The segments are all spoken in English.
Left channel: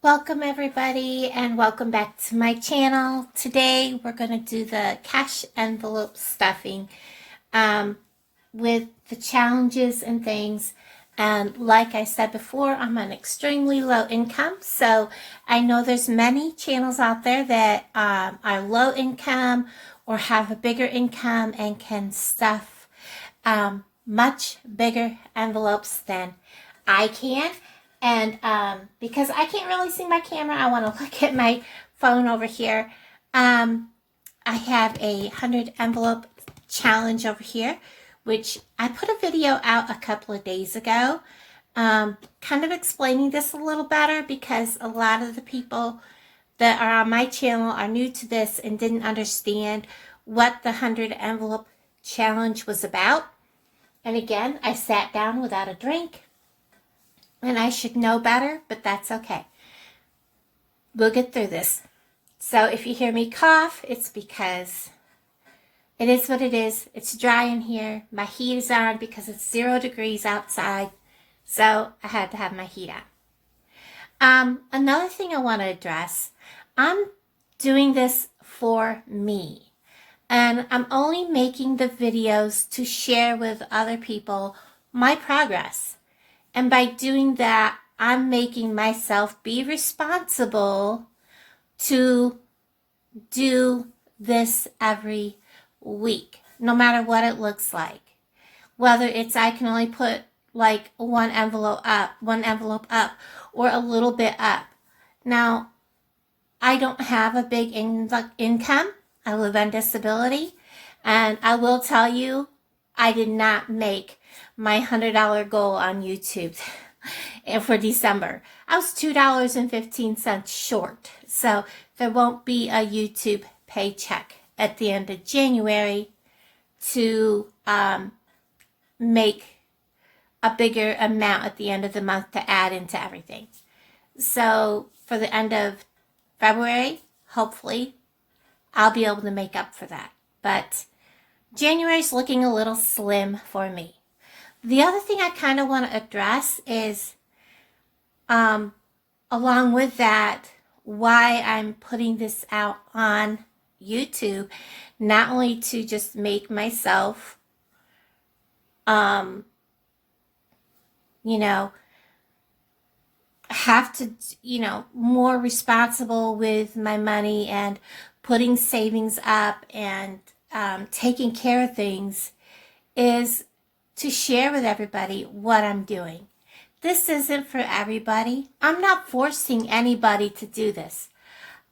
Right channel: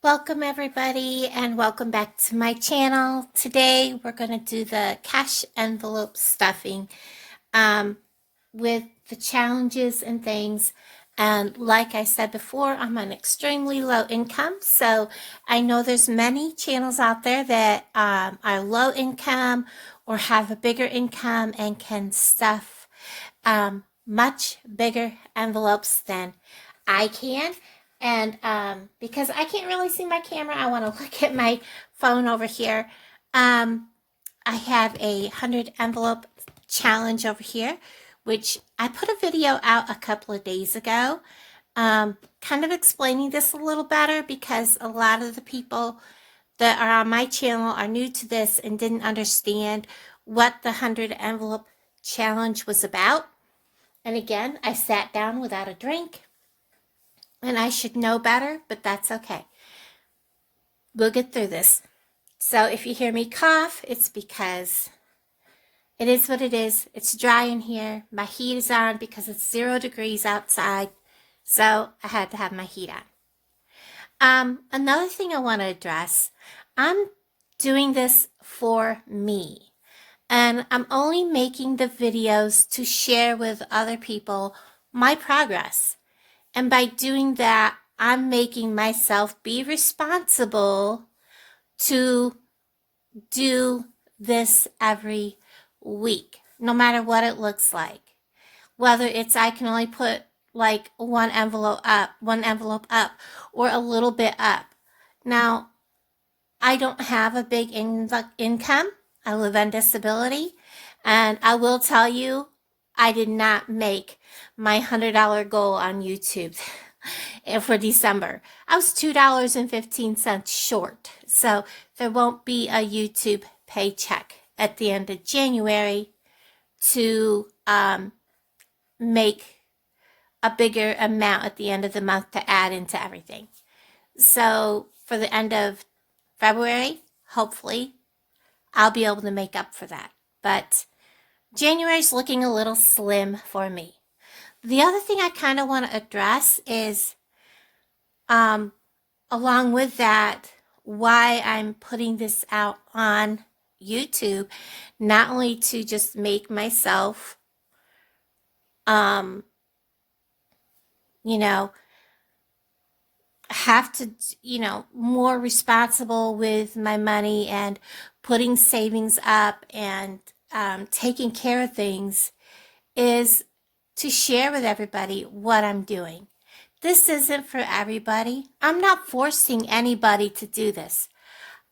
Welcome everybody and welcome back to my channel. Today we're going to do the cash envelope stuffing with the challenges and things. And like I said before, I'm on extremely low income. So I know there's many channels out there that are low income or have a bigger income and can stuff much bigger envelopes than I can. And because I can't really see my camera, I want to look at my phone over here. I have a 100 envelope challenge over here, which I put a video out a couple of days ago, kind of explaining this a little better because a lot of the people that are on my channel are new to this and didn't understand what the 100 envelope challenge was about. And again, I sat down without a drink. And I should know better, but that's okay. We'll get through this. So if you hear me cough, it's because it is what it is. It's dry in here. My heat is on because it's 0 degrees outside. So I had to have my heat on. Another thing I want to address, I'm doing this for me. And I'm only making the videos to share with other people my progress. And by doing that, I'm making myself be responsible to do this every week, no matter what it looks like. Whether it's I can only put like one envelope up, or a little bit up. Now, I don't have a big income. I live on disability. And I will tell you, I did not make my $100 goal on YouTube for December. I was $2.15 short. So there won't be a YouTube paycheck at the end of January to make a bigger amount at the end of the month to add into everything. So for the end of February, hopefully, I'll be able to make up for that. But January's looking a little slim for me. The other thing I kind of want to address is, along with that, why I'm putting this out on YouTube, not only to just make myself, have to, more responsible with my money and putting savings up and taking care of things, is to share with everybody what I'm doing. This isn't for everybody. I'm not forcing anybody to do this.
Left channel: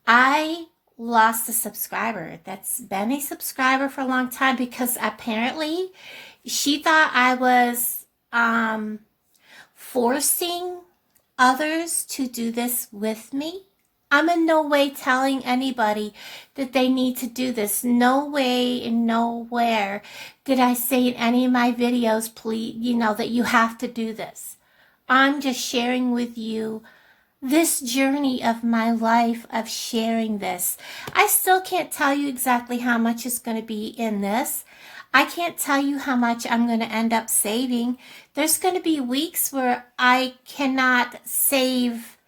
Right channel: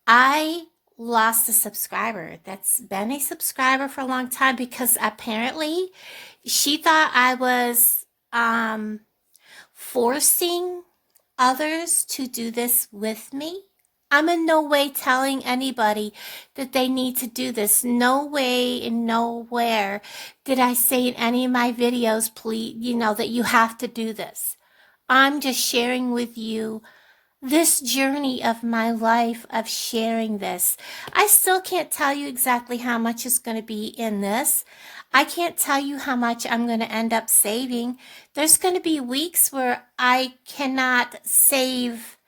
I lost a subscriber that's been a subscriber for a long time because apparently she thought I was forcing others to do this with me. I'm in no way telling anybody that they need to do this. No way and nowhere did I say in any of my videos, please, that you have to do this. I'm just sharing with you this journey of my life of sharing this. I still can't tell you exactly how much is going to be in this. I can't tell you how much I'm going to end up saving. There's going to be weeks where I cannot save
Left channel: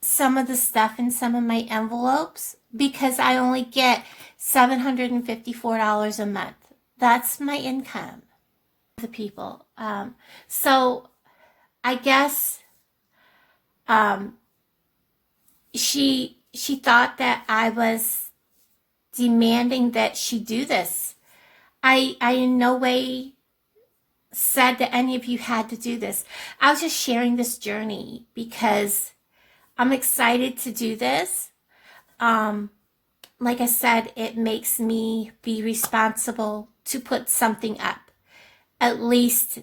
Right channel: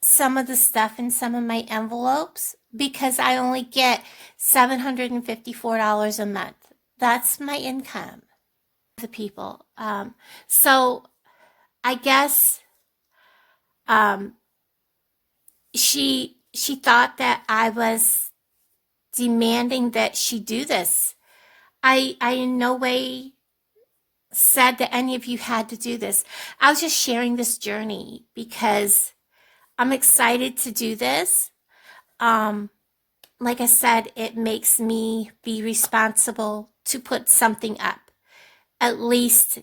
some of the stuff in some of my envelopes because I only get $754 a month. That's my income. The people. So I guess she thought that I was demanding that she do this. I in no way said that any of you had to do this. I was just sharing this journey because I'm excited to do this. Like I said, it makes me be responsible to put something up, at least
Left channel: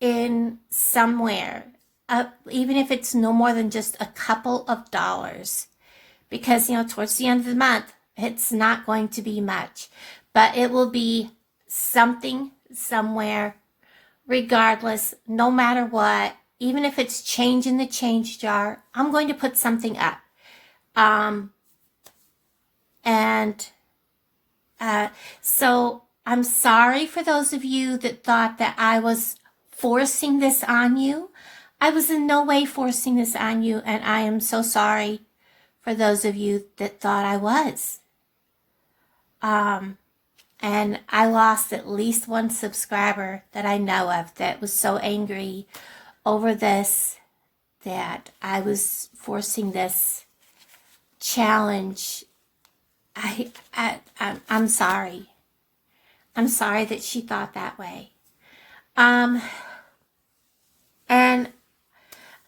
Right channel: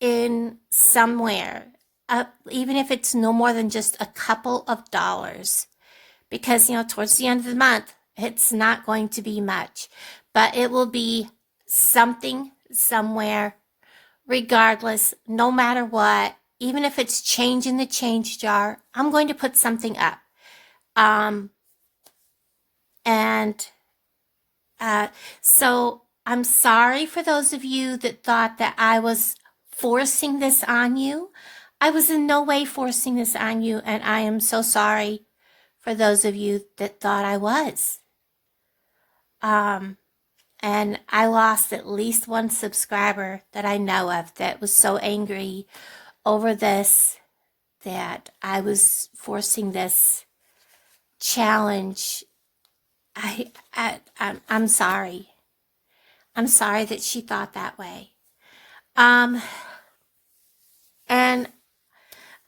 in somewhere, even if it's no more than just a couple of dollars. Because, towards the end of the month, it's not going to be much, but it will be something somewhere, regardless, no matter what. Even if it's change in the change jar, I'm going to put something up. So I'm sorry for those of you that thought that I was forcing this on you. I was in no way forcing this on you, and I am so sorry for those of you that thought I was. And I lost at least one subscriber that I know of that was so angry over this that I was forcing this challenge. I'm sorry. I'm sorry that she thought that way. And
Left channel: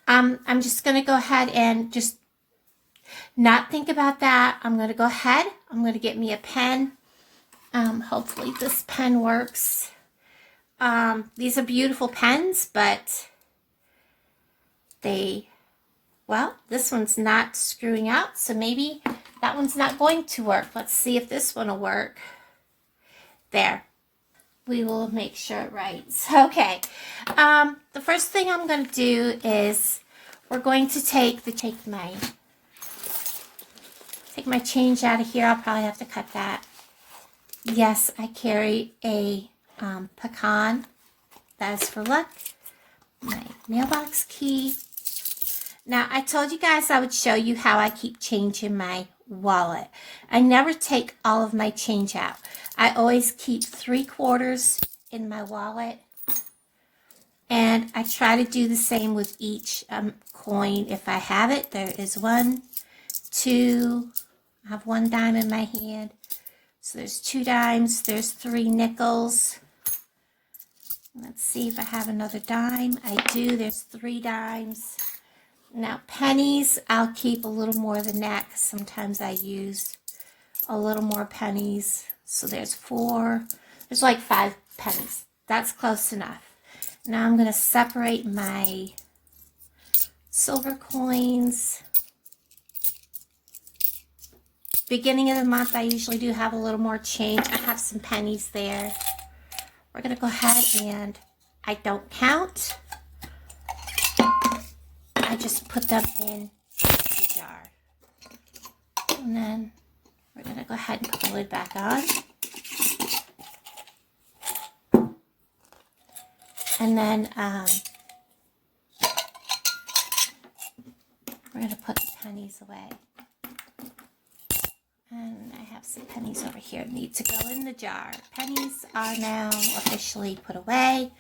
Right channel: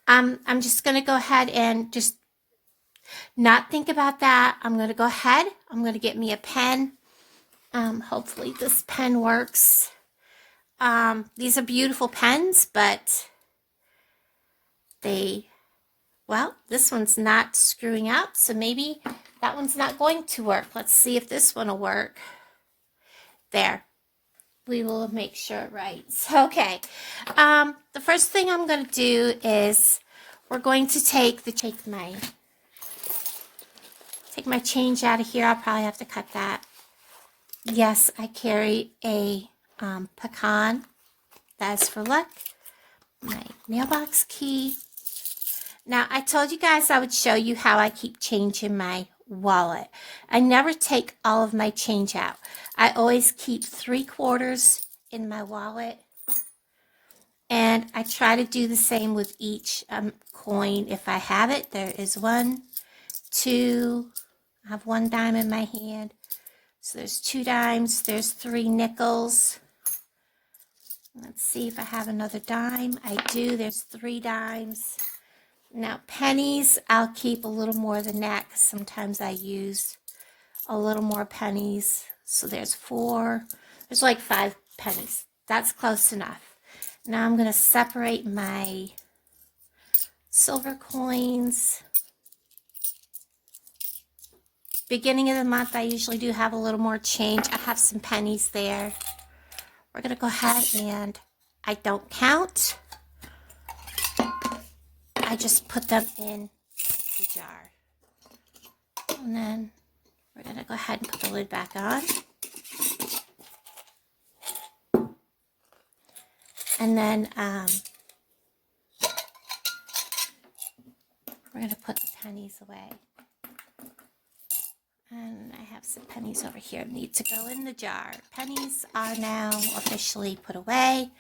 I'm just going to go ahead and just not think about that. I'm going to go ahead. I'm going to get me a pen. Hopefully this pen works. These are beautiful pens, but well, this one's not screwing out, so maybe that one's not going to work. Let's see if this one will work. There. We will make sure it writes. Okay. The first thing I'm going to do is we're going to take my change out of here. I'll probably have to cut that. Yes, I carry a pecan. That is for luck. My mailbox key. Now, I told you guys I would show you how I keep change in my wallet. I never take all of my change out. I always keep 3/4 in my wallet. And I try to do the same with each coin if I have it. There is 1, 2, I have 1 dime in my hand. So there's 2 dimes, there's 3 nickels. Let's see if I have another dime. I do, there's 3 dimes. Now pennies, I'll keep a little more than that because sometimes I use a little more pennies. So there's 4, there's like 5 pennies. That's close enough. Now I'm going to separate my silver coins. Beginning of the month, I usually do have a little more change. I have some pennies there. We're going to go ahead and I don't count. I just put them in the jar. And then we're going to go ahead and put the lid back on. And then we're going to put the pennies away. And I have some pennies over here that need to go in the jar. Pennies are now officially put away.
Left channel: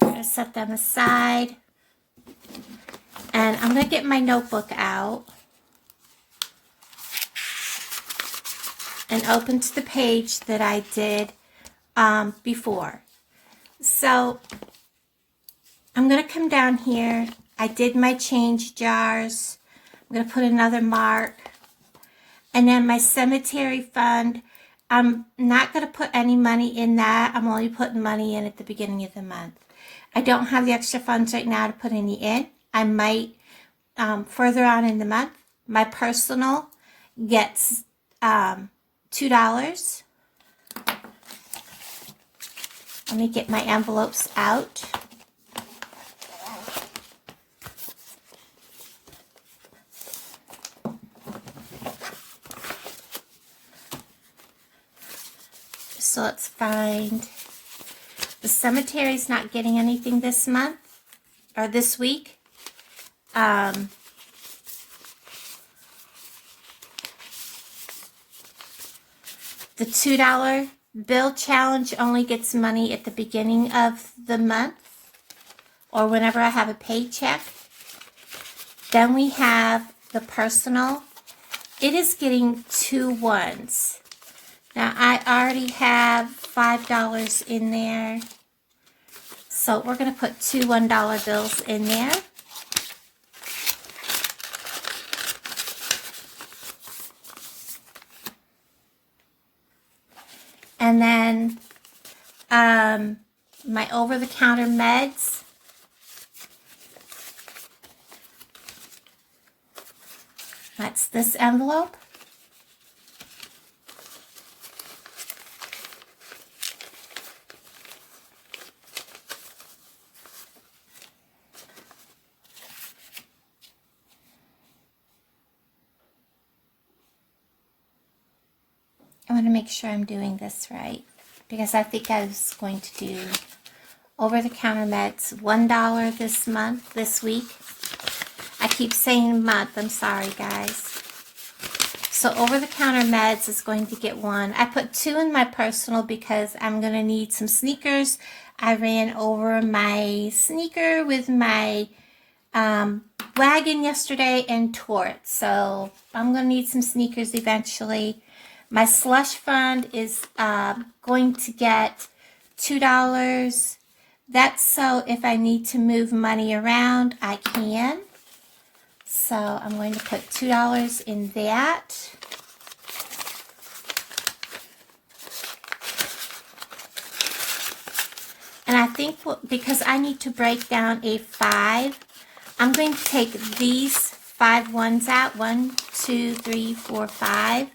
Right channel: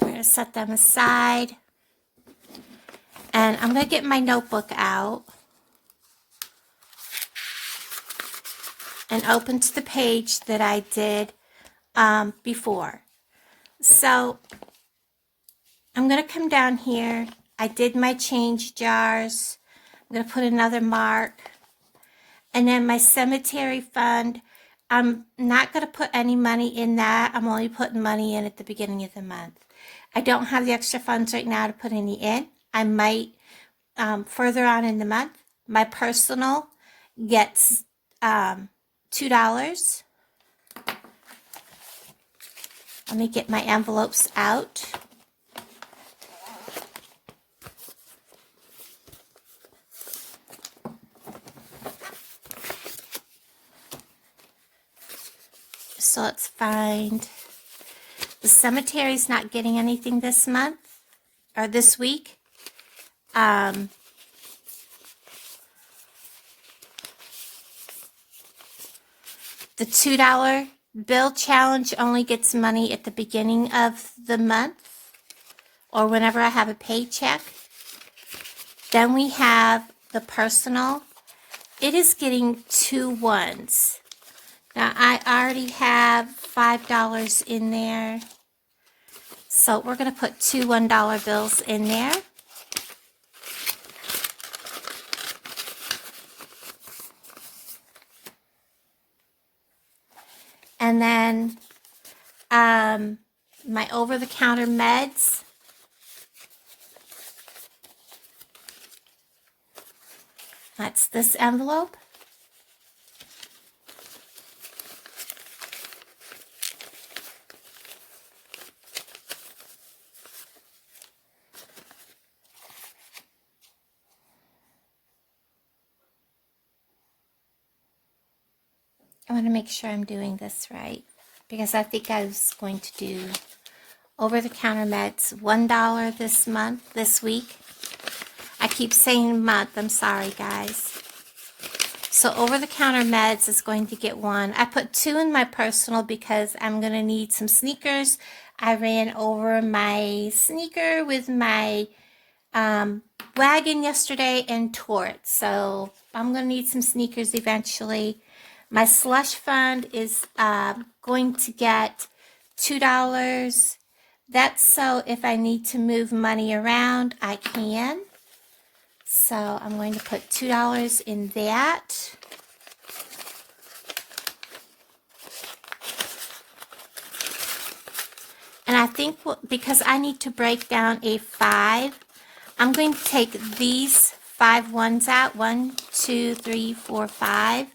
We're going to set them aside. And I'm going to get my notebook out and open to the page that I did before. So I'm going to come down here. I did my change jars. I'm going to put another mark. And then my cemetery fund, I'm not going to put any money in that. I'm only putting money in at the beginning of the month. I don't have the extra funds right now to put any in. I might further on in the month. My personal gets $2. Let me get my envelopes out. So let's find, the cemetery's not getting anything this month, or this week. The $2 bill challenge only gets money at the beginning of the month, or whenever I have a paycheck. Then we have the personal. It is getting 2 ones. Now, I already have $5 in there, so we're going to put 2 $1 bills in there. And then my over-the-counter meds. That's this envelope. I want to make sure I'm doing this right, because I think I was going to do over-the-counter meds, $1 this week. I keep saying month, I'm sorry guys. So over-the-counter meds is going to get 1. I put 2 in my personal because I'm going to need some sneakers. I ran over my sneaker with my wagon yesterday and tore it. So I'm going to need some sneakers eventually. My slush fund is going to get $2. That's so if I need to move money around, I can. So I'm going to put $2 in that. And I think because I need to break down a 5, I'm going to take these 5 ones out. 1, 2, 3, 4, 5.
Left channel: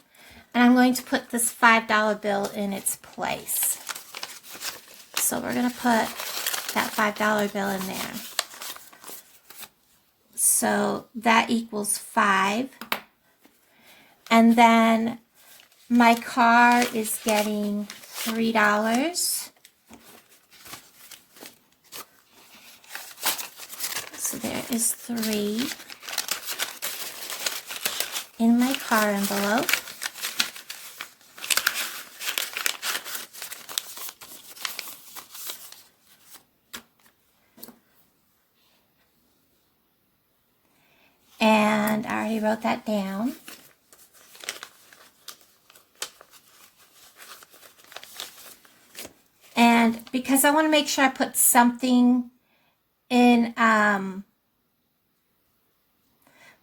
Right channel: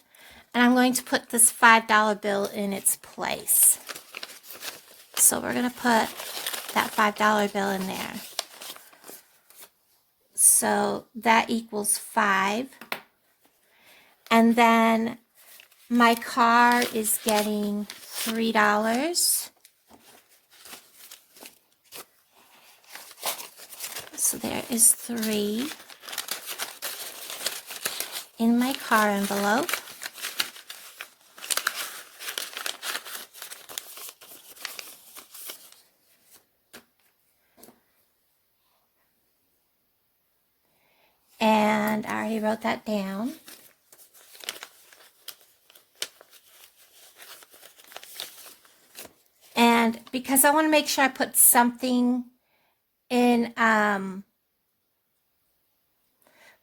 And I'm going to put this $5 bill in its place. So we're going to put that $5 bill in there. So that equals 5. And then my car is getting $3. So there is 3 in my car envelope. And I already wrote that down. And because I want to make sure I put something in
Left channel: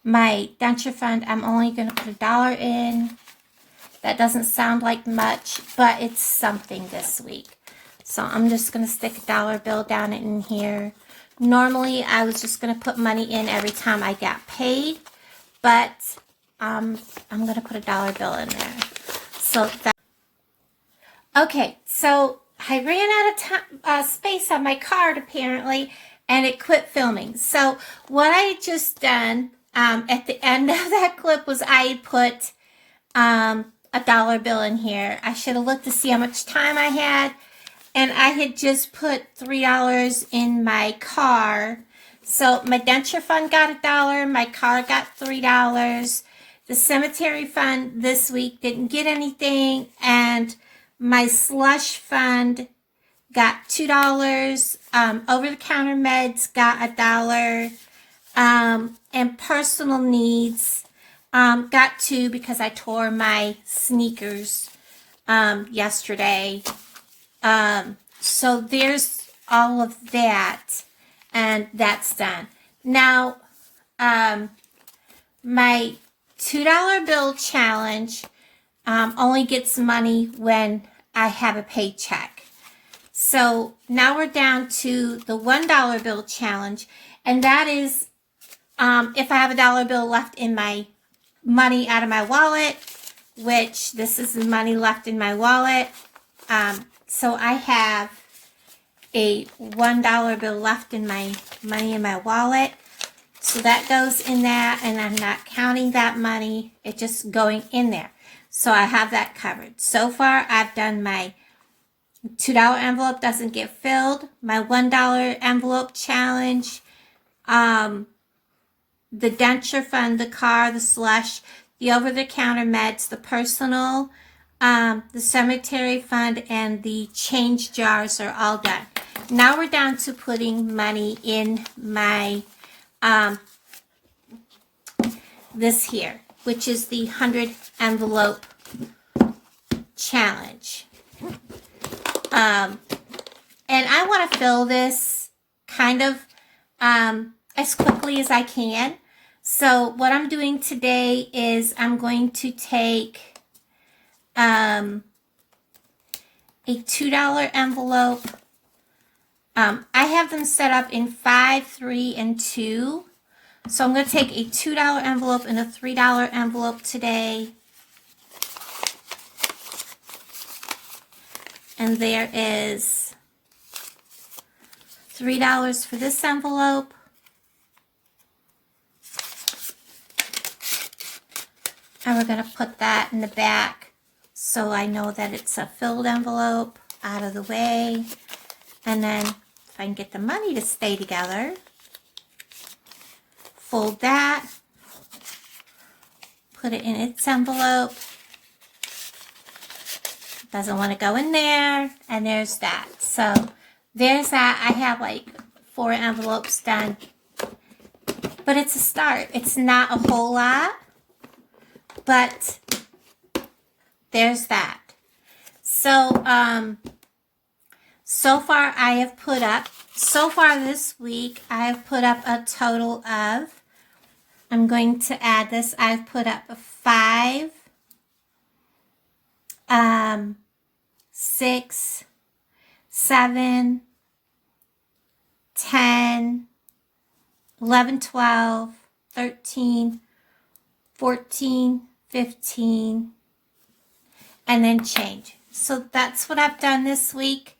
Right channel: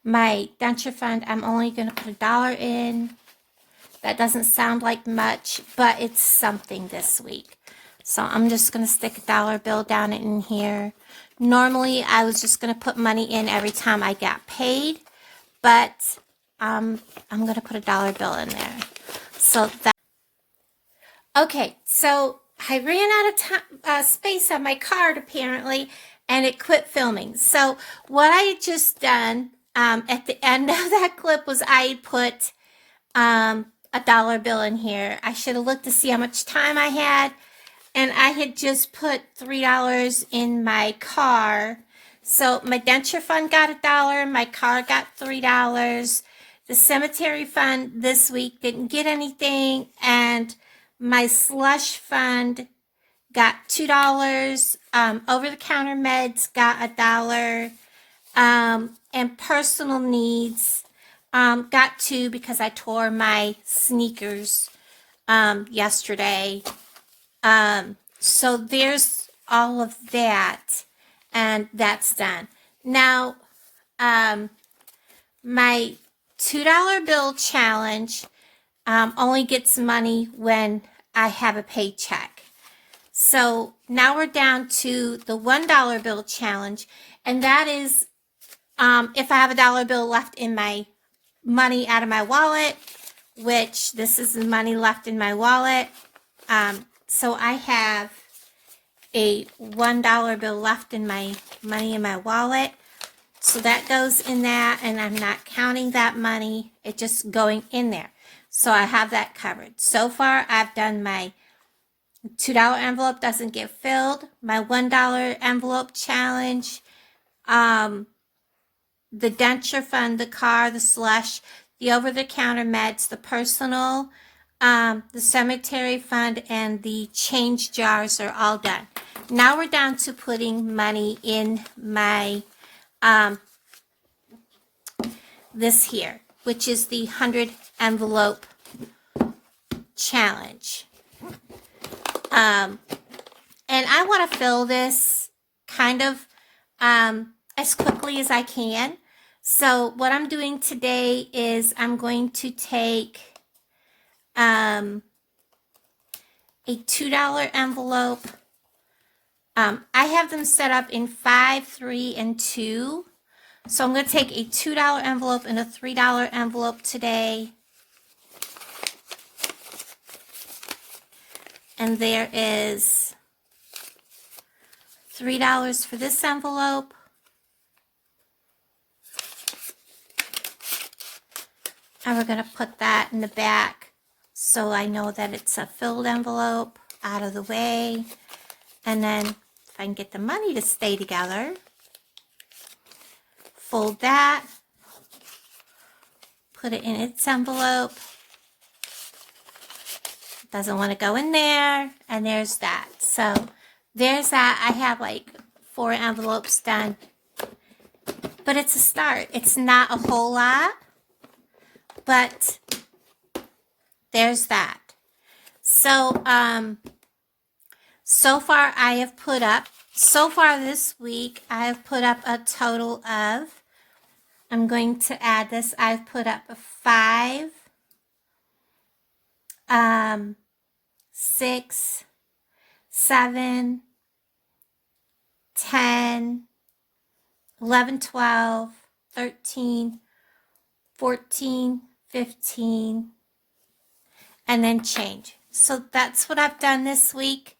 my denture fund, I'm only going to put $1 in. That doesn't sound like much, but it's something this week. So I'm just going to stick a $1 bill down in here. Normally, I was just going to put money in every time I got paid, but I'm going to put a $1 bill in there. So that. Okay, so I ran out of space on my card apparently, and it quit filming. So what I had just done at the end of that clip was I put a $1 bill in here. I should have looked to see how much time I had. And I had just put $3 in my car. So my denture fund got $1. My car got $3. The cemetery fund this week didn't get anything. And my slush fund got $2. Over-the-counter meds got $1. And personal needs got $2 because I tore my sneakers yesterday. So there's all of that, and that's done. Now, my $2 bill challenge only gets money when I have a paycheck. So now we're down to the $1 bill challenge, and that is if I have a $1 bill left in my money out of my wallet, which this is the money left in my wallet. So I have a $1 bill left in my money in my wallet. So that goes in that, and I'm not counting that money. It's just going in there. So I have that covered. So far, I've done my $2 envelope doesn't get filled, my $1 envelope challenge, the denture fund, the car, the slush, the over-the-counter meds, the personal, the cemetery fund, and the change jars are all done. Now we're down to putting money in my, this here, which is the 100 envelope challenge. And I want to fill this kind of as quickly as I can. So what I'm doing today is I'm going to take a $2 envelope. I have them set up in 5, 3, and 2. So I'm going to take a $2 envelope and a $3 envelope today. And there is $3 for this envelope. And we're going to put that in the back so I know that it's a filled envelope out of the way. And then if I can get the money to stay together. Fold that. Put it in its envelope. Doesn't want to go in there. And there's that. So there's that. I have like 4 envelopes done. But it's a start. It's not a whole lot. But there's that. So, so far I have put up, so far this week, I have put up a total of, I'm going to add this, I've put up 5, 6, 7, 10, 11, 12, 13, 14, 15, and then change. So that's what I've done this week.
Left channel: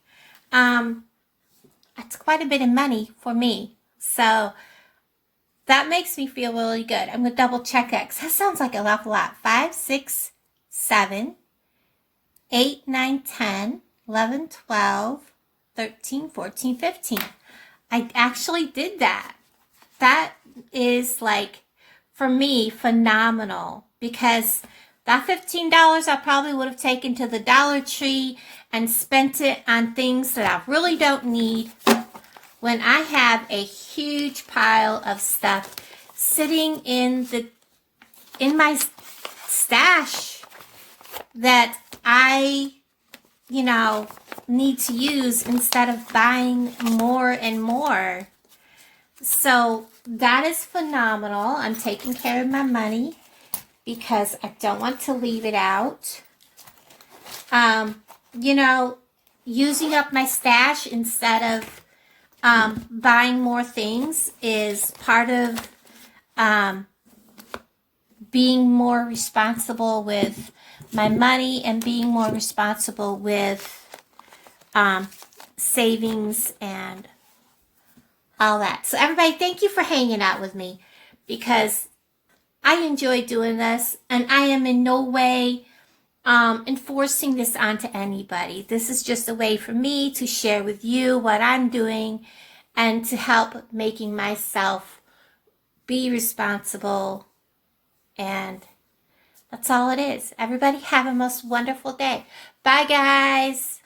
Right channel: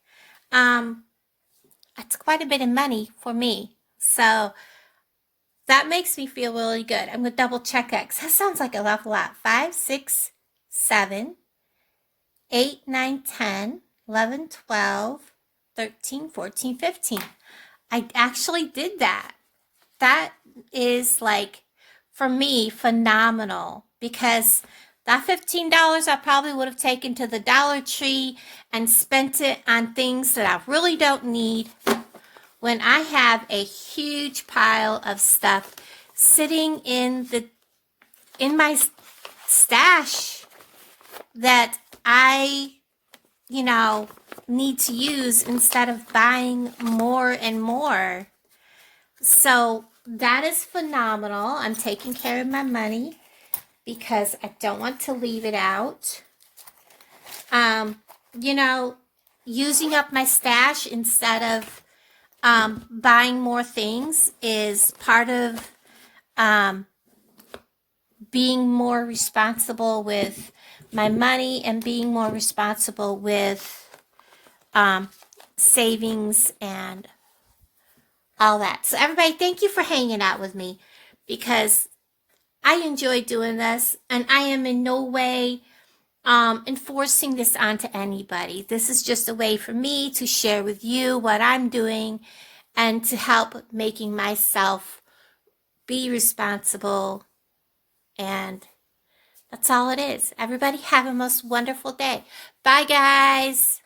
That's quite a bit of money for me. So that makes me feel really good. I'm going to double check that because that sounds like an awful lot. 5, 6, 7, 8, 9, 10, 11, 12, 13, 14, 15. I actually did that. That is like, for me, phenomenal because that $15 I probably would have taken to the Dollar Tree and spent it on things that I really don't need when I have a huge pile of stuff sitting in my stash that I, need to use instead of buying more and more. So that is phenomenal. I'm taking care of my money because I don't want to leave it out. Using up my stash instead of buying more things is part of being more responsible with my money and being more responsible with savings and all that. So everybody, thank you for hanging out with me because I enjoy doing this and I am in no way enforcing this onto anybody. This is just a way for me to share with you what I'm doing and to help making myself be responsible. And that's all it is. Everybody have a most wonderful day. Bye, guys.